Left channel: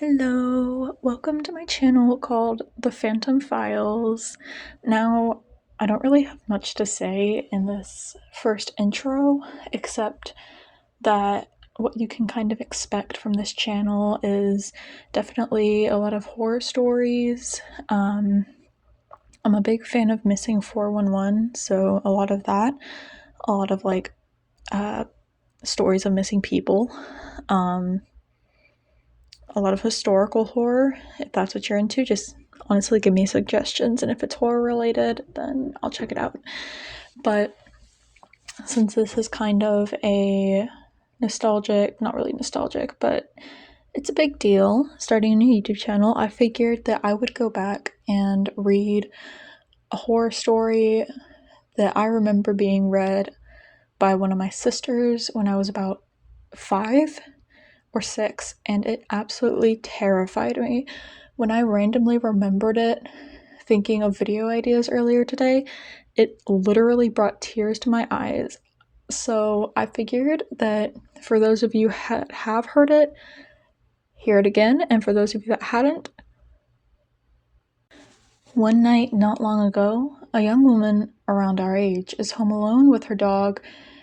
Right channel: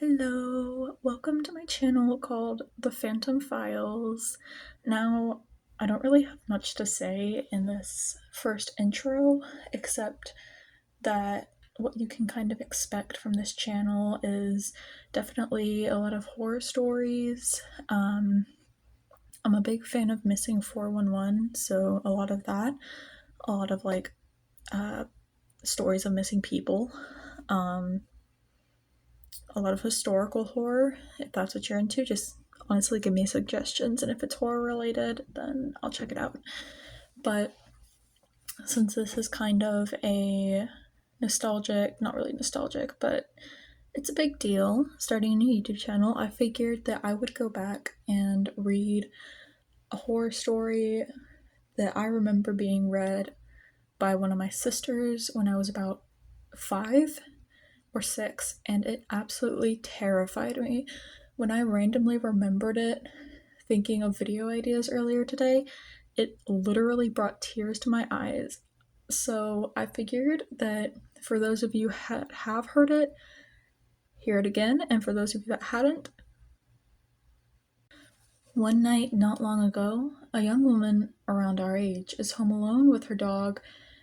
Hello, welcome to my channel called The Phantom Files. Now, I don't really have much to say in this first intro, except that what you can kind of expect from this channel is definitely a lot of horror stories. I'm a big fan of Missing 411, so a lot of that, a lot of uh, stories of missing people. Um, a lot of historical horror. If that's what you're into, just honestly give me suggestions, and if it's horror related, then I'll check it out. But since this is kind of a nostalgic, not really nostalgic, but it's a big deal starting a new YouTube channel, I figured that I would go back and read a horror story that I remember being read by one of my sisters when I was about 5 or 6, and it absolutely terrified me. When I randomly remembered it, thinking of video ideas earlier today, it literally brought tears to my eyes. So I figured that for those of you that have heard it, hear it again, and for those of you that hadn't, one night not long ago, a young woman around our age is home alone with her dog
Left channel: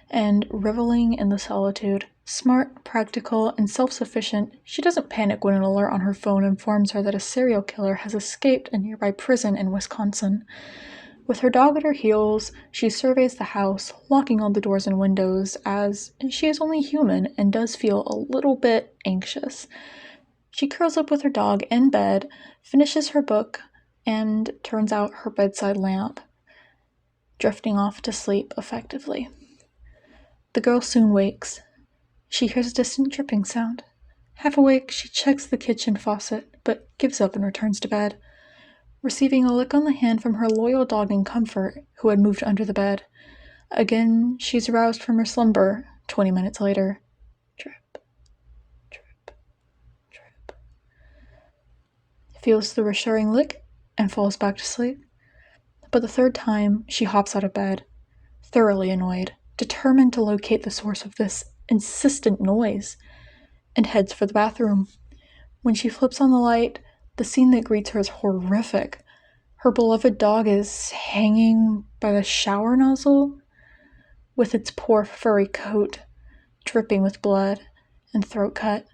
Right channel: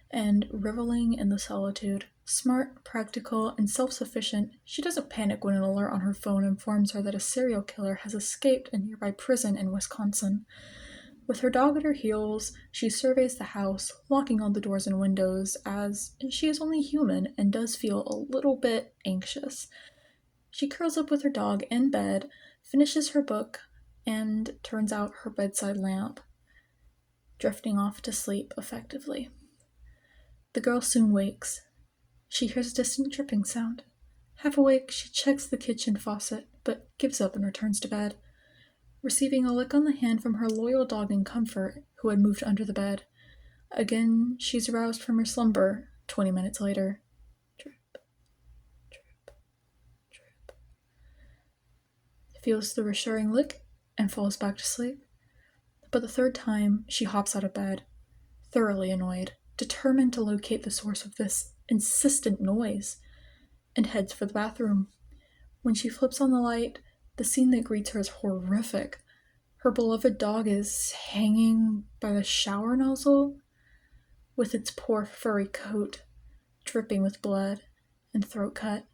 and reveling in the solitude. Smart, practical, and self-sufficient, she doesn't panic when an alert on her phone informs her that a serial killer has escaped a nearby prison in Wisconsin. With her dog at her heels, she surveys the house, locking all the doors and windows, as she is only human and does feel a little bit anxious. She curls up with her dog in bed, finishes her book, and turns out her bedside lamp, drifting off to sleep effectively. The girl soon wakes. She hears a distant dripping sound. Half awake, she checks the kitchen faucet, but gives up and returns to bed, receiving a lick on the hand from her loyal dog in Comfort, who had moved under the bed. Again, she's roused from her slumber 20 minutes later. Drip, drip, drip. Feels the reassuring lick and falls back to sleep. But the third time, she hops out of bed, thoroughly annoyed, determined to locate the source of this insistent noise, and heads for the bathroom. When she flips on the light, the scene that greets her is horrific. Her beloved dog is hanging by the shower nozzle, with its poor furry coat dripping with blood and throat cut.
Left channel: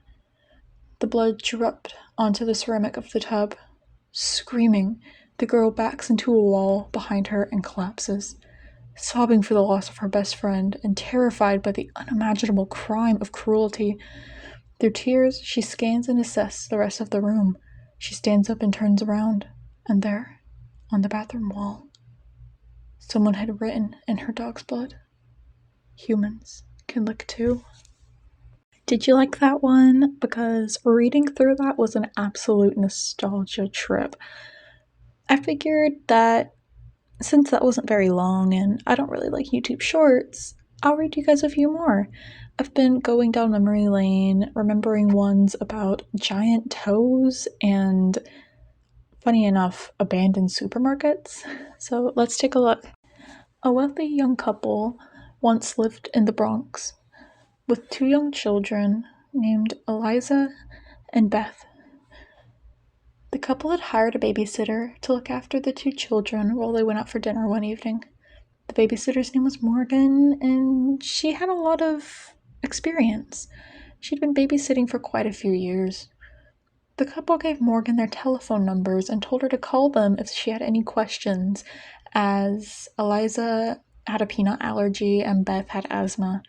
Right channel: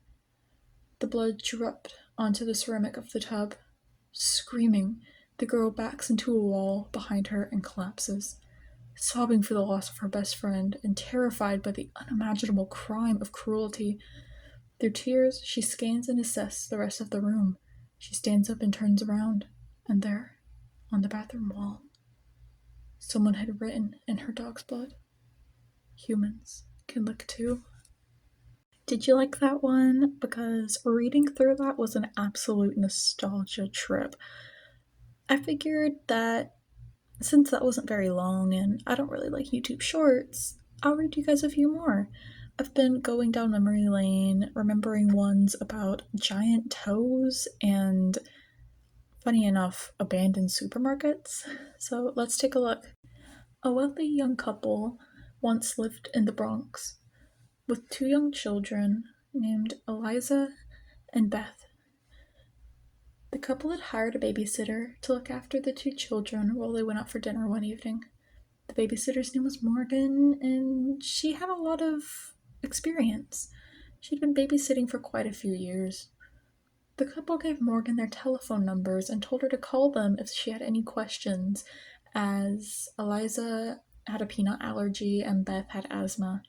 The blood dripped onto the ceramic of the tub. Screaming, the girl backs into a wall behind her and collapses, sobbing for the loss of her best friend and terrified by the unimaginable crime of cruelty. Through tears, she scans and assesses the rest of the room. She stands up and turns around, and there, on the bathroom wall, someone had written in her dog's blood, "Humans can lick too." Did you like that one? Because reading through that was an absolute nostalgia trip. I figured that since that wasn't very long and I don't really like YouTube shorts, I'll read you guys a few more. I've been going down memory lane, remembering ones about giant toes and, funny enough, abandoned supermarkets. So let's take a look. A wealthy young couple once lived in the Bronx with 2 young children named Eliza and Beth. The couple had hired a babysitter to look after the 2 children while they went out for dinner one evening. The babysitter's name was Morgan, and she had a lot of experience. She'd been babysitting for quite a few years. The couple gave Morgan their telephone numbers and told her to call them if she had any questions, as Eliza had a peanut allergy and Beth had asthma.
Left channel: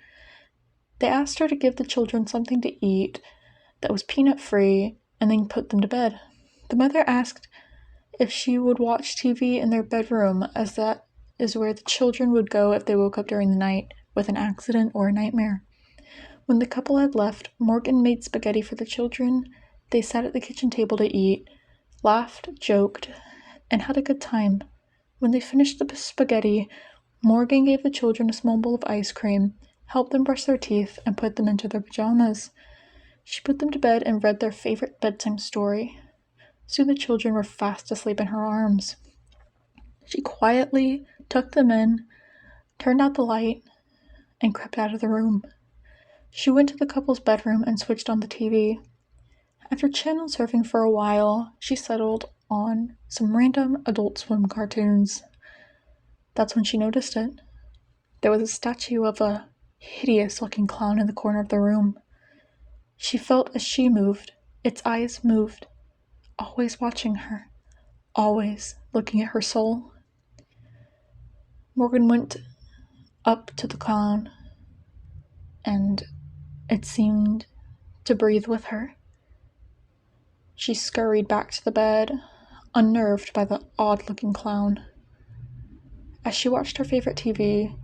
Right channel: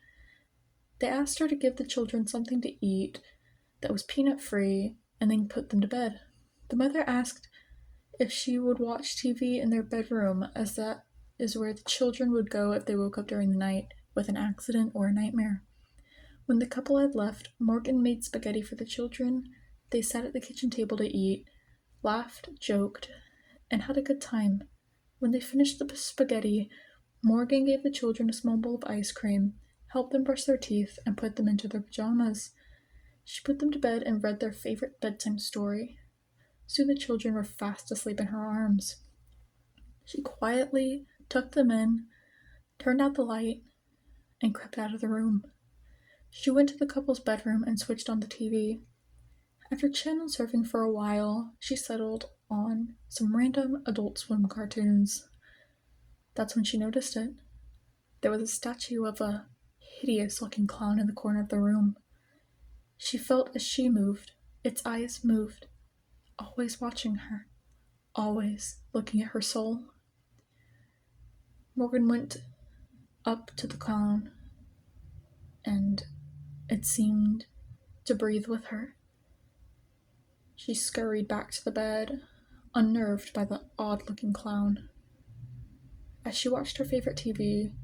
They asked her to give the children something to eat that was peanut-free and then put them to bed. The mother asked if she would watch TV in their bedroom, as that is where the children would go if they woke up during the night with an accident or a nightmare. When the couple had left, Morgan made spaghetti for the children. They sat at the kitchen table to eat, laughed, joked, and had a good time. When they finished the spaghetti, Morgan gave the children a small bowl of ice cream, helped them brush their teeth, and put them into their pajamas. She put them to bed and read their favorite bedtime story. Soon the children were fast asleep in her arms. She quietly tucked them in, turned out the light, and crept out of the room. She went to the couple's bedroom and switched on the TV. After channel surfing for a while, she settled on some random Adult Swim cartoons. That's when she noticed it. There was a statue of a hideous-looking clown in the corner of the room. She felt as she moved, its eyes moved, always watching her, always looking at her soul. Morgan went up to the clown, and it seemed to breathe with her. She scurried back to the bed, unnerved by the odd-looking clown. As she watched her favorite TV,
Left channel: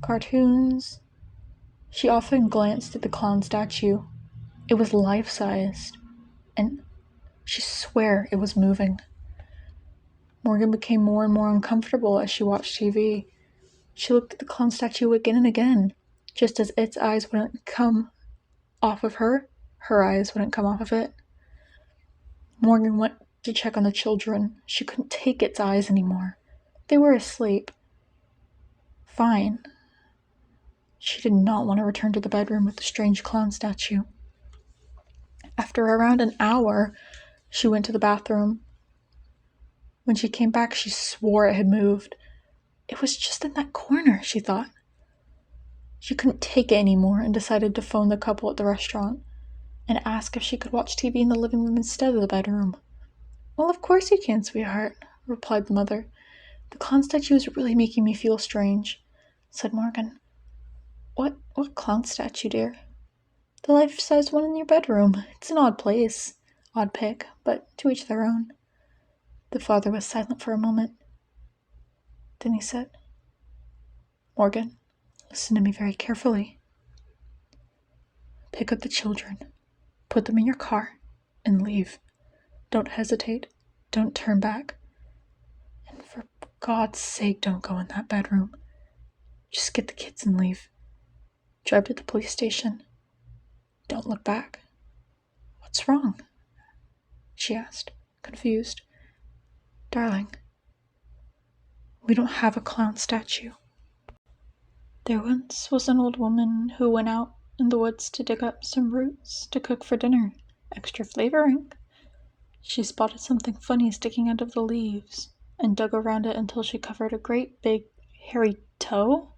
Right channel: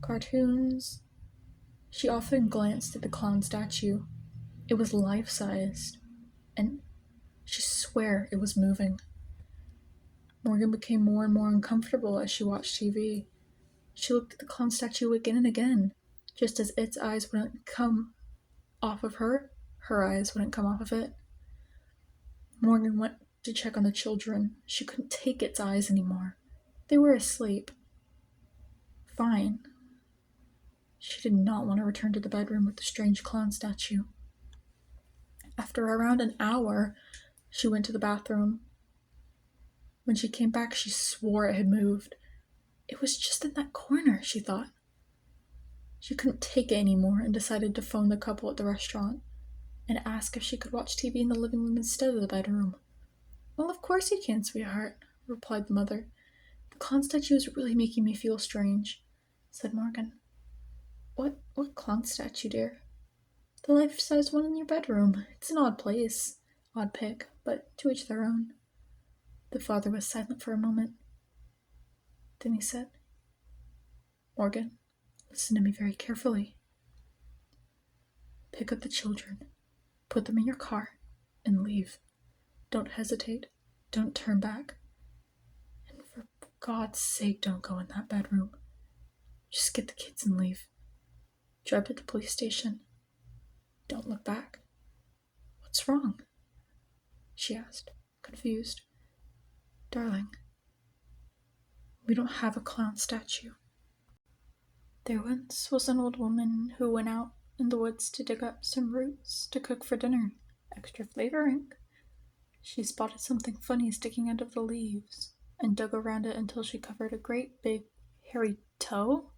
cartoons, she often glanced at the clown statue. It was life-sized, and she swore it was moving. Morgan became more and more uncomfortable as she watched TV. She looked at the clown statue again and again. Just as its eyes wouldn't come off of her eyes wouldn't come off of it. Morgan went to check on the children. She couldn't take its eyes anymore. They were asleep. Fine. She did not want to return to the bedroom with the strange clown statue. After around an hour, she went to the bathroom. When she came back, she swore it had moved. It was just in that corner, she thought. She couldn't take it anymore and decided to phone the couple at the restaurant and ask if she could watch TV in the living room instead of the bedroom. "Well, of course you can, sweetheart," replied the mother. "The clown statue is really making me feel strange," said Morgan. What clown statue, dear?" "The life-size one in your bedroom. It's an odd place. Odd pick, but to each their own." The father was silent for a moment. Then he said, "Morgan, listen to me very carefully. Pick up the children, put them in your car, and leave. Don't hesitate. Don't turn back. And for God's sake, don't go in that bedroom. Just get the kids and leave. Drive to the police station. Don't look back." "What's wrong?" she asked, confused. "Darling, we don't have a clown statue. There once was an old woman who went out in the woods to dig up some roots to cook for dinner. Extra flavoring. She spotted something funny sticking out of the leaves and dug around it until she covered a great big hairy toe.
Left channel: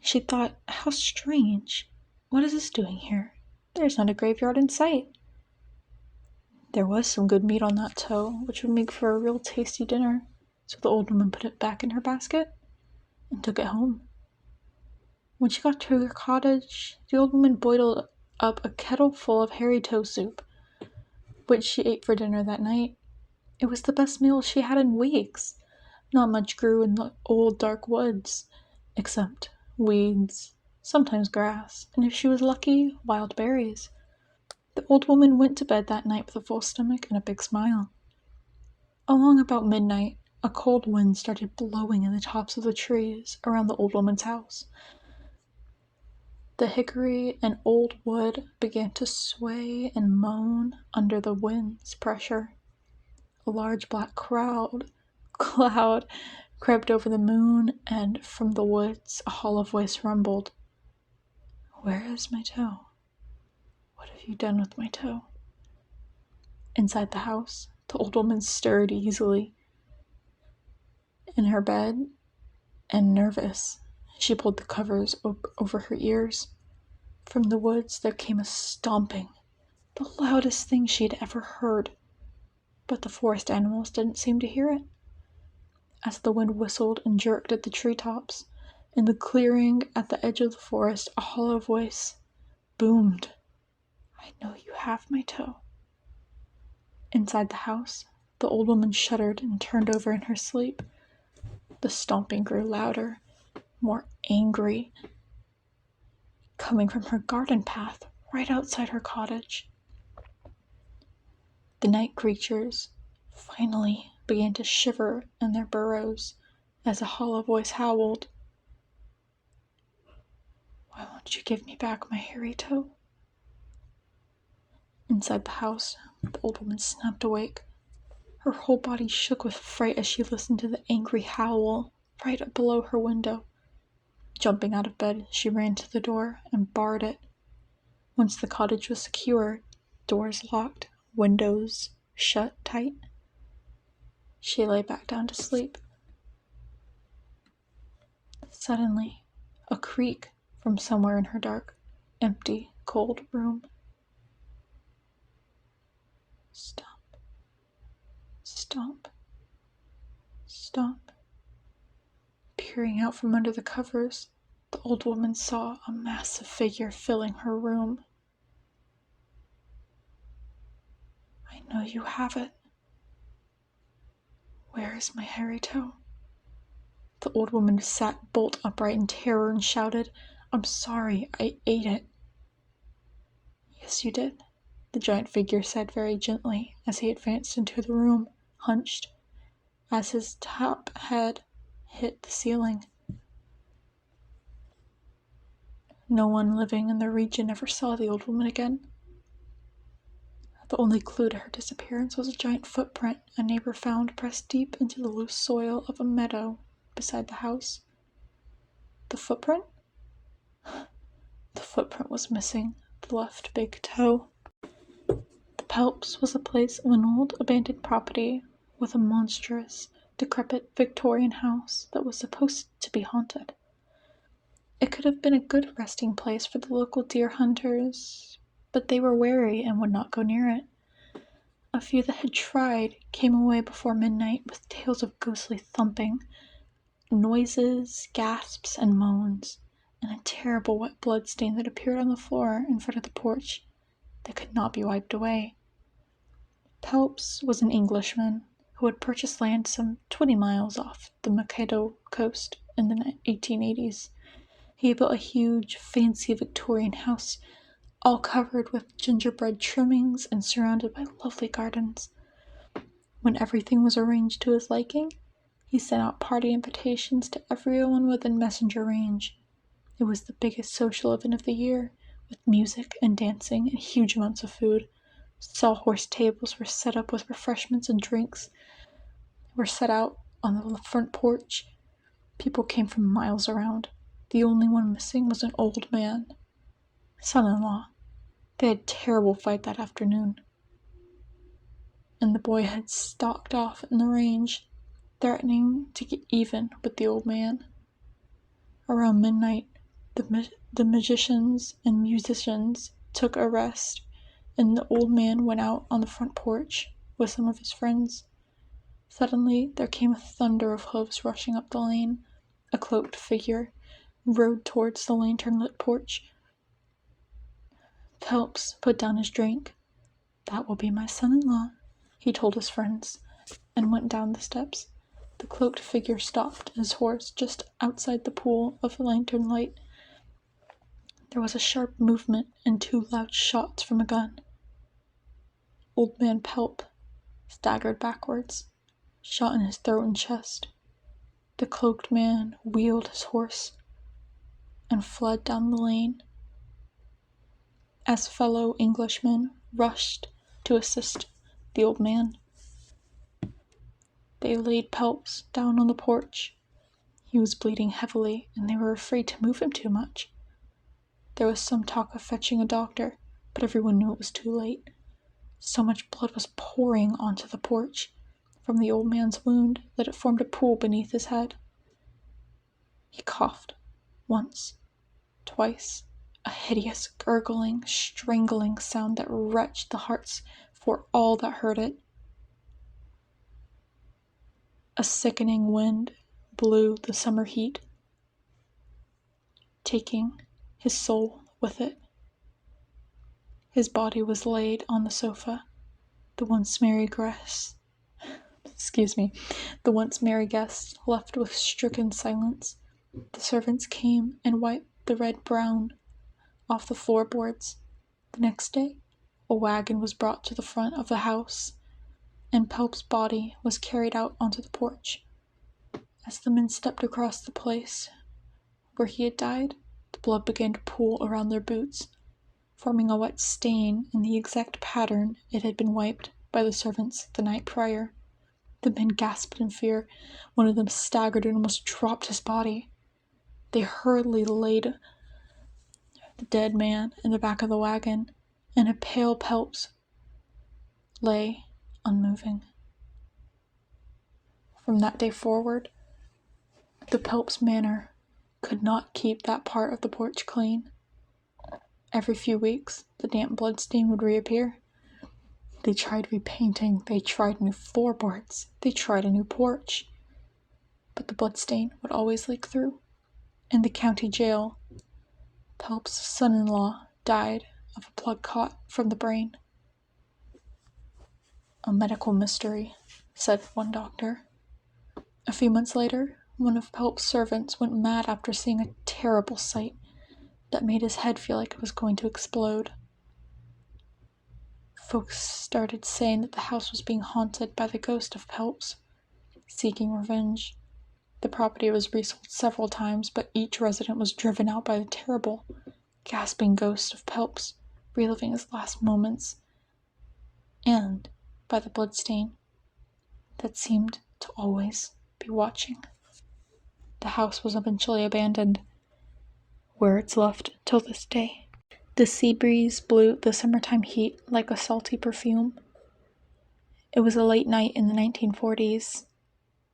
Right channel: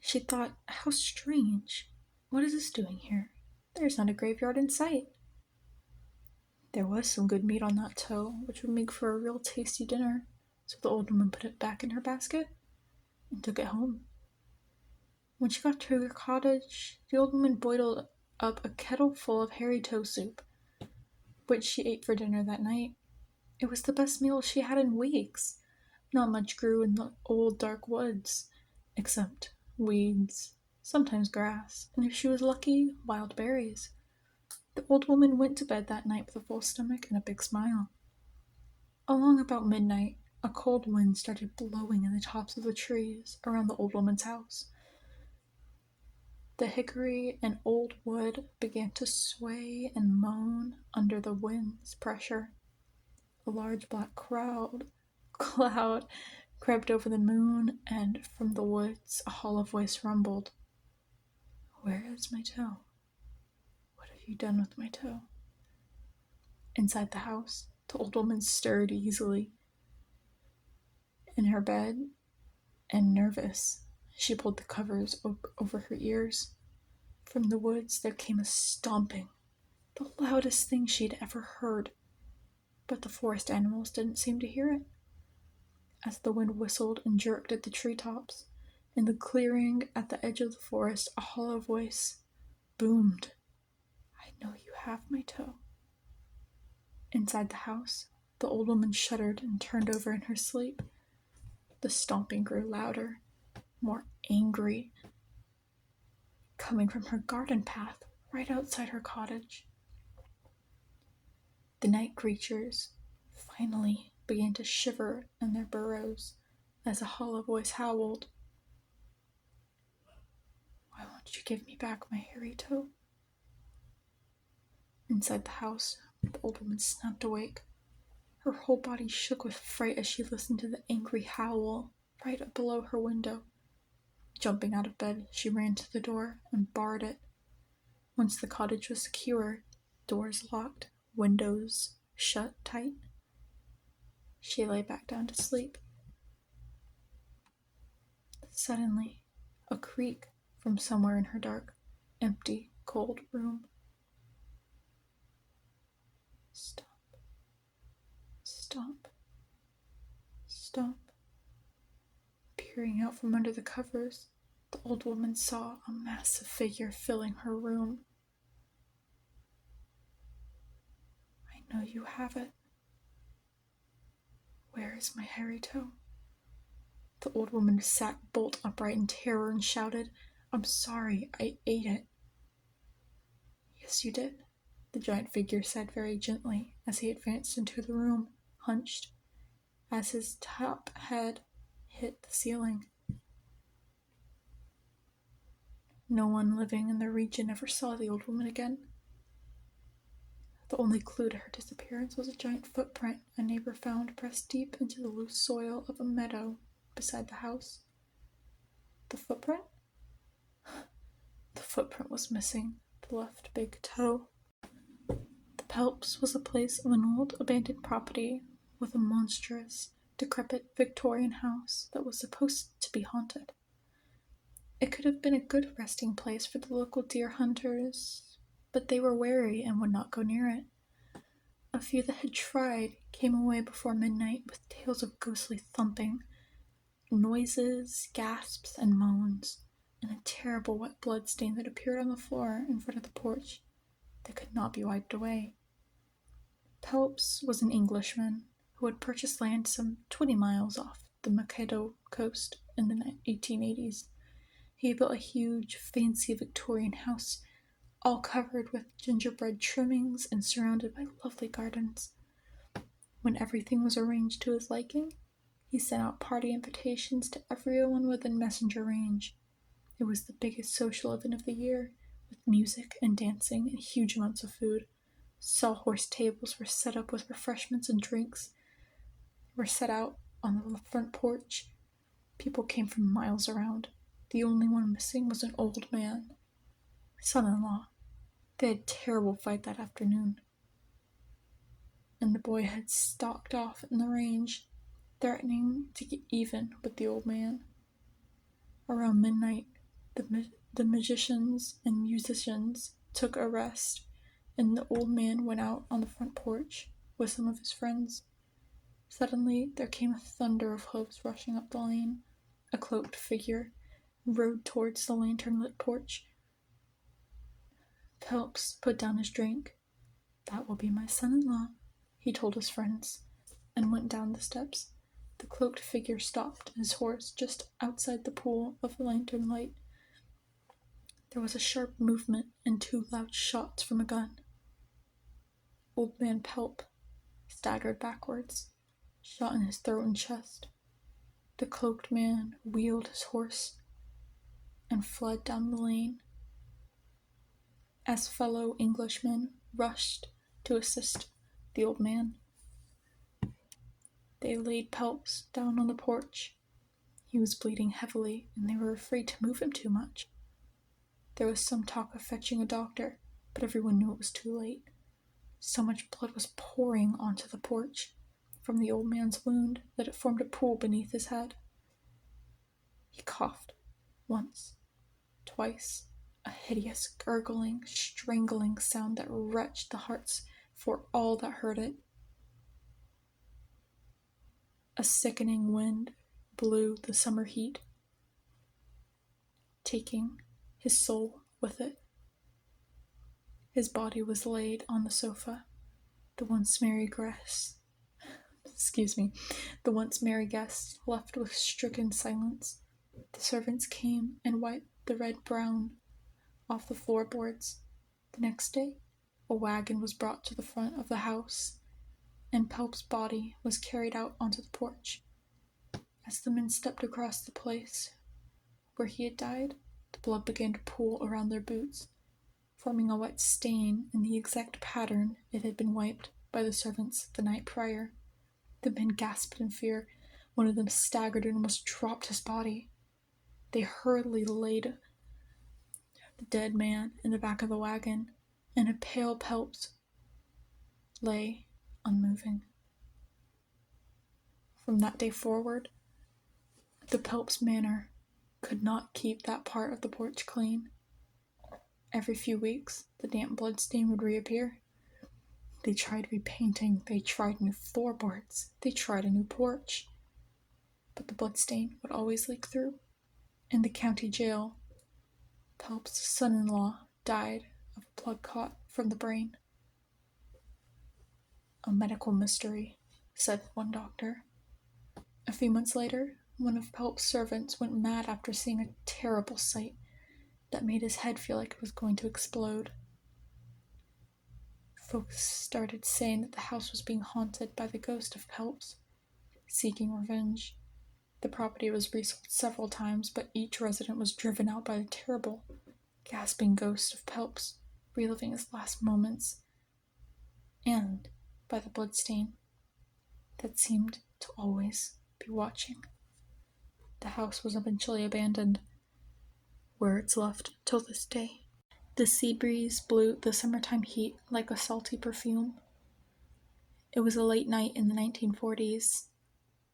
She thought, how strange. What is this doing here? There's not a graveyard in sight. There was some good meat on that toe, which would make for a real tasty dinner, so the old woman put it back in her basket and took it home. When she got to her cottage, the old woman boiled up a kettle full of hairy toe soup, which she ate for dinner that night. It was the best meal she had in weeks. Not much grew in the old dark woods, except weeds, sometimes grass, and if she was lucky, wild berries. The old woman went to bed that night with a full stomach and a big smile. Along about midnight, a cold wind started blowing in the tops of the trees around the old woman's house. The hickory and old wood began to sway and moan under the wind's pressure. A large black cloud crept over the moon, and from the woods a hollow voice rumbled. "Where is my toe? What have you done with my toe?" Inside the house, the old woman stirred easily in her bed, and nervous, she pulled the covers over her ears. From the woods there came a stomping, the loudest thing she had ever heard, but the forest animals didn't seem to hear it. As the wind whistled and jerked at the treetops, in the clearing at the edge of the forest, a hollow voice boomed, "I know you have my toe." Inside the house, the old woman shuddered and turned over in her sleep. The stomping grew louder, more angry, coming from her garden path right outside her cottage. The night creatures finally began to shiver in their burrows as a hollow voice howled, "Why won't you give me back my hairy toe?" Inside the house, the old woman snapped awake. Her whole body shook with fright as she listened to the angry howl right up below her window. Jumping out of bed, she ran to the door and barred it. Once the cottage was secure, doors locked, windows shut tight. She lay back down to sleep. Suddenly, a creak from somewhere in her dark, empty, cold room. Stomp, stomp, stomp. Peering out from under the covers, the old woman saw a massive figure filling her room. I know you have it. Where is my hairy toe? The old woman sat bolt upright in terror and shouted, I'm sorry, I ate it. Yes, you did, the giant figure said very gently as he advanced into the room, hunched, as his top head hit the ceiling. No one living in the region ever saw the old woman again. The only clue to her disappearance was a giant footprint a neighbor found pressed deep into the loose soil of a meadow beside the house. The footprint? The footprint was missing the left big toe. The Pelps was the place of an old abandoned property with a monstrous, decrepit Victorian house that was supposed to be haunted. It could have been a good resting place for the local deer hunters, but they were wary and would not go near it. A few that had tried came away before midnight with tales of ghostly thumping, noises, gasps, and moans, and a terrible wet blood stain that appeared on the floor in front of the porch that could not be wiped away. Pelps was an Englishman who had purchased land some 20 miles off the Mankato coast in the 1880s. He built a huge, fancy Victorian house, all covered with gingerbread trimmings and surrounded by lovely gardens. When everything was arranged to his liking, he sent out party invitations to everyone within messenger range. It was the biggest social event of the year, with music and dancing and huge amounts of food. Sawhorse tables were set up with refreshments and drinks were set out on the front porch. People came from miles around. The only one missing was an old man, son-in-law. They had a terrible fight that afternoon, and the boy had stalked off in the range, threatening to get even with the old man. Around midnight, the magicians and musicians took a rest, and the old man went out on the front porch with some of his friends. Suddenly, there came a thunder of hooves rushing up the lane. A cloaked figure rode towards the lantern-lit porch. Phelps put down his drink. That will be my son-in-law, he told his friends, and went down the steps. The cloaked figure stopped his horse just outside the pool of lantern light. There was a sharp movement and 2 loud shots from a gun. Old man Pelp staggered backwards, shot in his throat and chest. The cloaked man wheeled his horse and fled down the lane as fellow Englishmen rushed to assist the old man. They laid Pelps down on the porch. He was bleeding heavily, and they were afraid to move him too much. There was some talk of fetching a doctor, but everyone knew it was too late. So much blood was pouring onto the porch from the old man's wound that it formed a pool beneath his head. He coughed once, twice, a hideous gurgling, strangling sound that wrenched the hearts for all that heard it. A sickening wind blew the summer heat, taking his soul with it. His body was laid on the sofa. The once merry guests left with stricken silence. The servants came and wiped the red brown off the floorboards. The next day, a wagon was brought to the front of the house, and Pelp's body was carried out onto the porch. As the men stepped across the place where he had died, the blood began to pool around their boots, forming a wet stain in the exact pattern it had been wiped by the servants the night prior. The men gasped in fear. One of them staggered and almost dropped his body. They hurriedly laid the dead man in the back of the wagon, and a pale Pelps lay unmoving. From that day forward, the Pelps manor could not keep that part of the porch clean. Every few weeks, the damp bloodstain would reappear. They tried repainting, they tried new floorboards, they tried a new porch. But the bloodstain would always leak through. In the county jail, Pelps' son-in-law died of a blood clot from the brain. A medical mystery, said one doctor. A few months later, one of Pelps' servants went mad after seeing a terrible sight that made his head feel like it was going to explode. Folks started saying that the house was being haunted by the ghost of Pelps, seeking revenge. The property was resold several times, but each resident was driven out by the terrible, gasping ghost of Pelps, reliving his last moments, and by the bloodstain that seemed to always be watching. The house was eventually abandoned, where it's left till this day. The sea breeze blew the summertime heat like a salty perfume. It was a late night in the 1940s.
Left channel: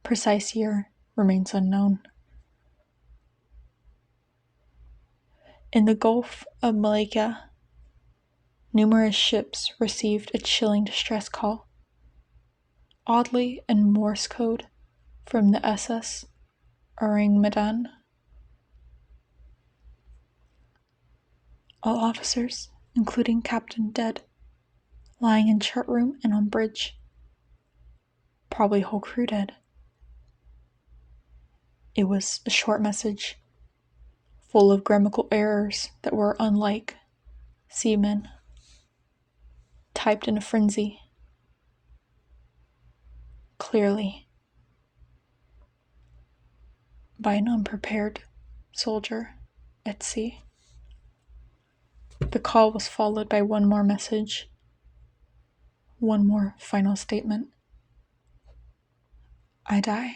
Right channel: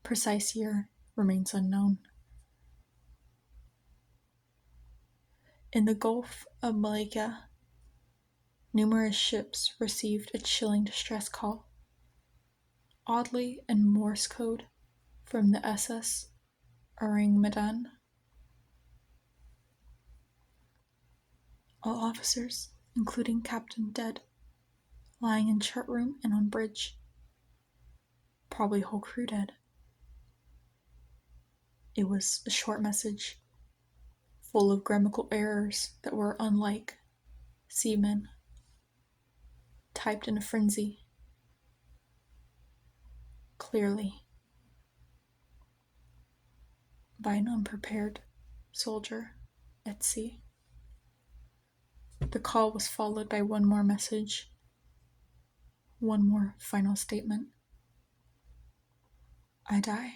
Precise year remains unknown. In the Gulf of Malacca, numerous ships received a chilling distress call. Oddly, in Morse code from the SS Orang Medan. All officers, including captain, dead, lying in chart room and on bridge. Probably whole crew dead. It was a short message, full of grammatical errors that were unlike seamen, typed in a frenzy. Clearly, by an unprepared soldier at sea. The call was followed by one more message, one more final statement. I die.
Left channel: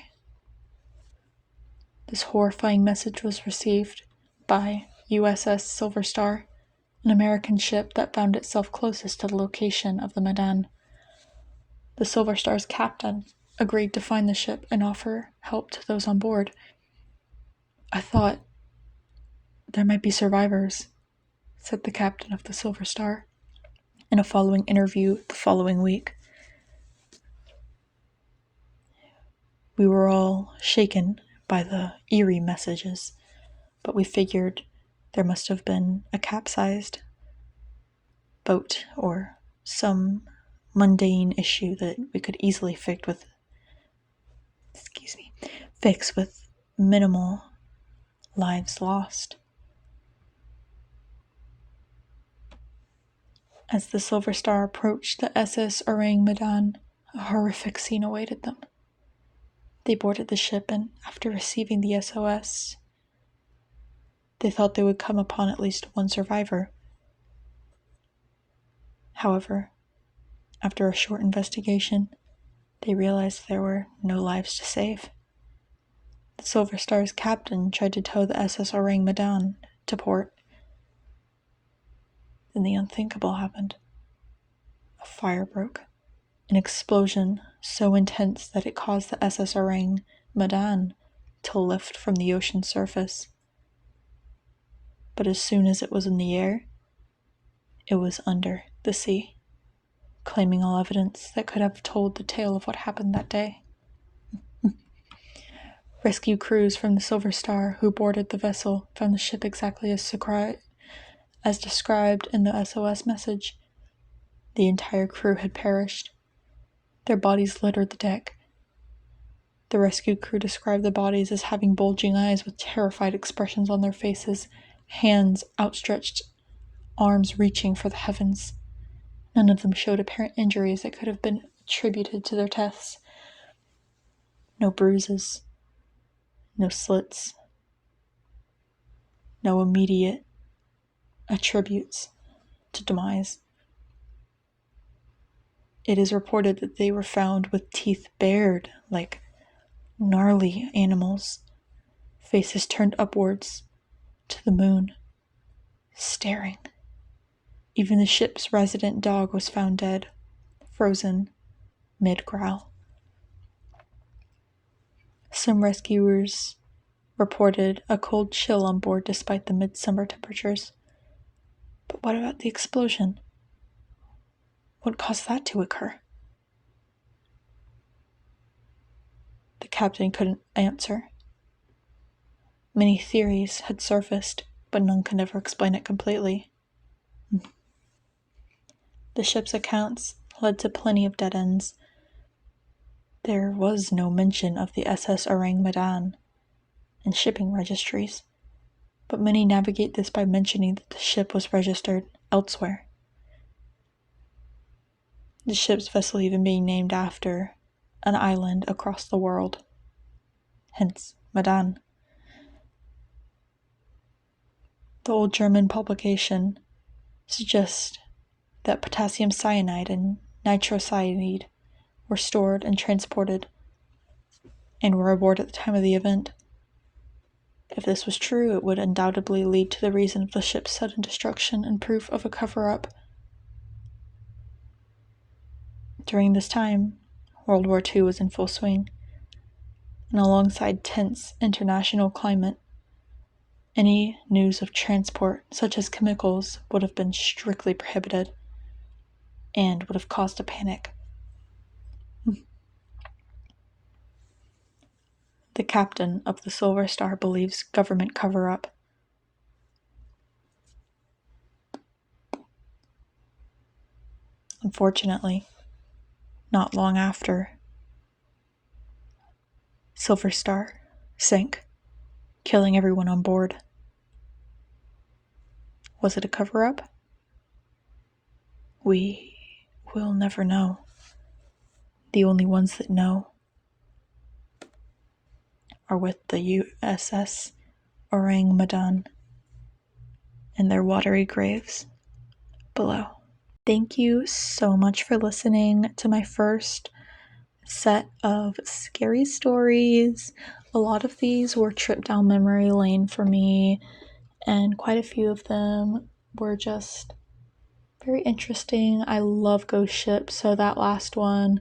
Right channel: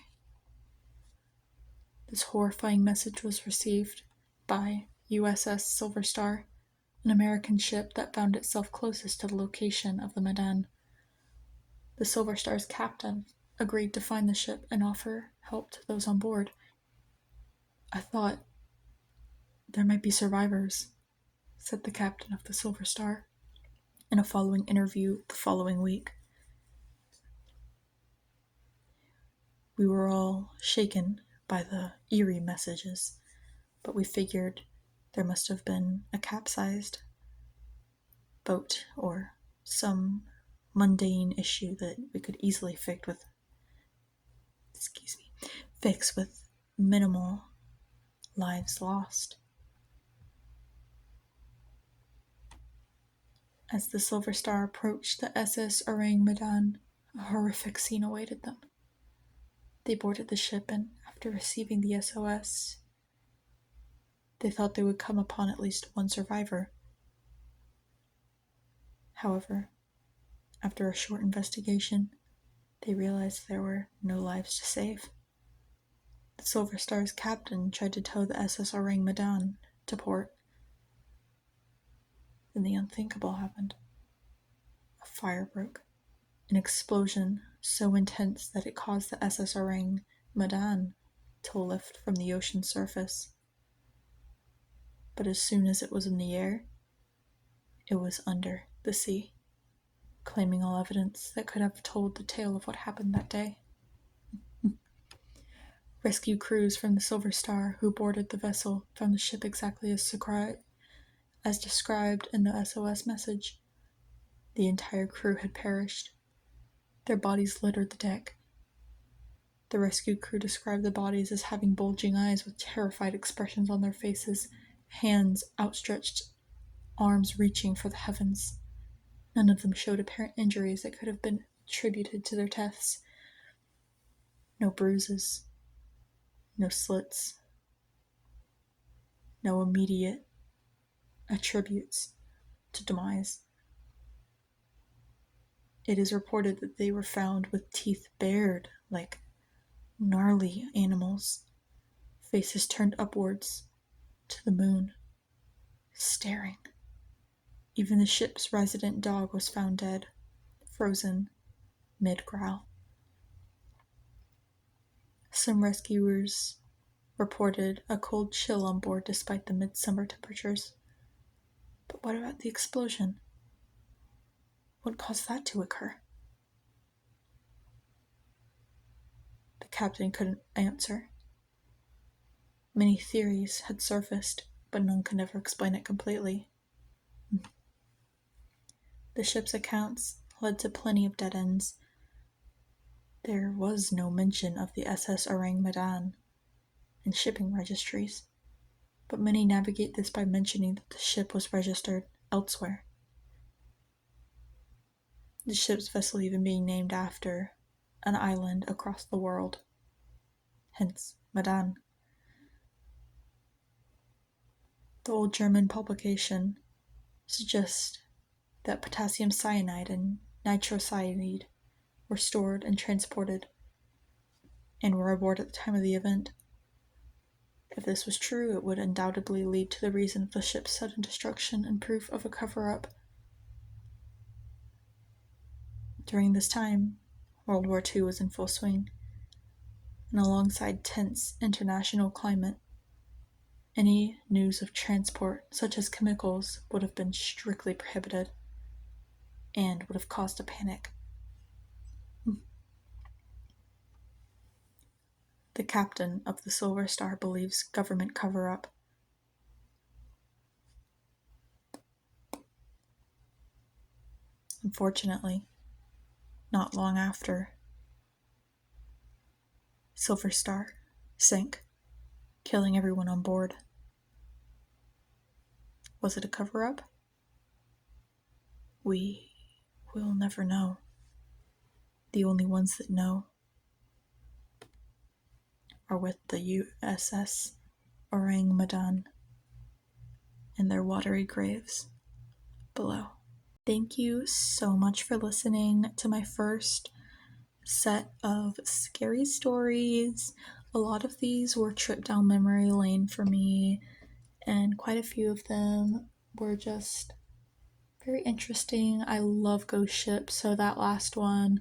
This horrifying message was received by USS Silver Star, an American ship that found itself closest to the location of the Medan. The Silver Star's captain agreed to find the ship and offer help to those on board. I thought there might be survivors, said the captain of the Silver Star in a following interview the following week. We were all shaken by the eerie messages, but we figured there must have been a capsized boat or some mundane issue that we could easily fix with minimal lives lost. As the Silver Star approached the SS Orang Medan, a horrific scene awaited them. They boarded the ship, and after receiving the SOS, they thought they would come upon at least one survivor. However, after a short investigation, they realized there were no lives to save. The Silver Star's captain tried to tow the SS Orang Medan to port. Then the unthinkable happened. A fire broke. An explosion so intense that it caused the SS Orang Medan to lift from the ocean surface. But as soon as it was in the air, it was under the sea, claiming all evidence that could have told the tale of what happened that day. Rescue crews from the Silver Star who boarded the vessel found the ship exactly as described in the SOS message. The entire crew had perished. Their bodies littered the deck. The rescue crew described the bodies as having bulging eyes with terrified expressions on their faces, hands outstretched, arms reaching for the heavens. None of them showed apparent injuries that could have been attributed to their deaths. No bruises, no slits, no immediate attributes to demise. It is reported that they were found with teeth bared like gnarly animals, faces turned upwards to the moon, staring. Even the ship's resident dog was found dead, frozen mid-growl. Some rescuers reported a cold chill on board despite the midsummer temperatures. But what about the explosion? What caused that to occur? The captain couldn't answer. Many theories had surfaced, but none could ever explain it completely. The ship's accounts led to plenty of dead ends. There was no mention of the SS Orang Medan in shipping registries, but many navigate this by mentioning that the ship was registered elsewhere. The ship's vessel even being named after an island across the world, hence Medan. The old German publication suggests that potassium cyanide and nitrocyanide were stored and transported and were aboard at the time of the event. If this was true, it would undoubtedly lead to the reason of the ship's sudden destruction and proof of a cover-up. During this time, World War II was in full swing, and alongside tense international climate, any news of transport, such as chemicals, would have been strictly prohibited and would have caused a panic. The captain of the Silver Star believes government cover-up. Unfortunately, not long after, Silver Star sank, killing everyone on board. Was it a cover-up? We will never know. The only ones that know are with the USS Orang Medan and their watery graves below. Thank you so much for listening to my first set of scary stories. A lot of these were trip down memory lane for me, and quite a few of them were just very interesting. I love ghost ships, so that last one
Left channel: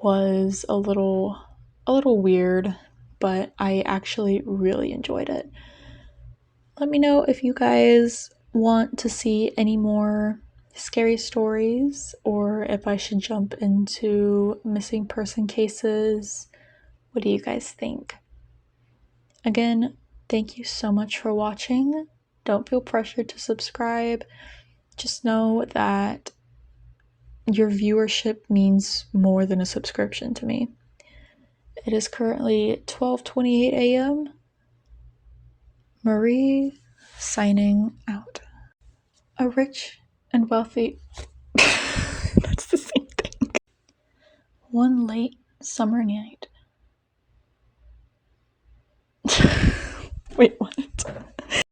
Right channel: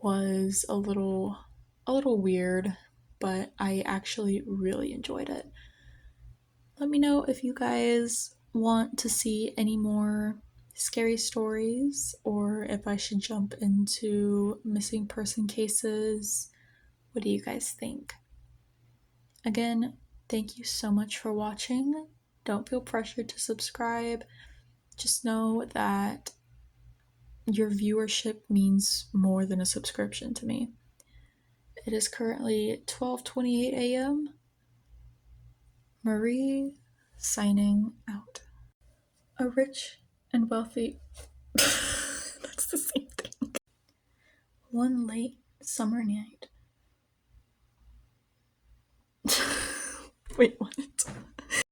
was a little weird, but I actually really enjoyed it. Let me know if you guys want to see any more scary stories, or if I should jump into missing person cases. What do you guys think? Again, thank you so much for watching. Don't feel pressured to subscribe. Just know that your viewership means more than a subscription to me. It is currently 12:28 a.m. Marie signing out. A rich and wealthy... That's the same thing. One late summer night,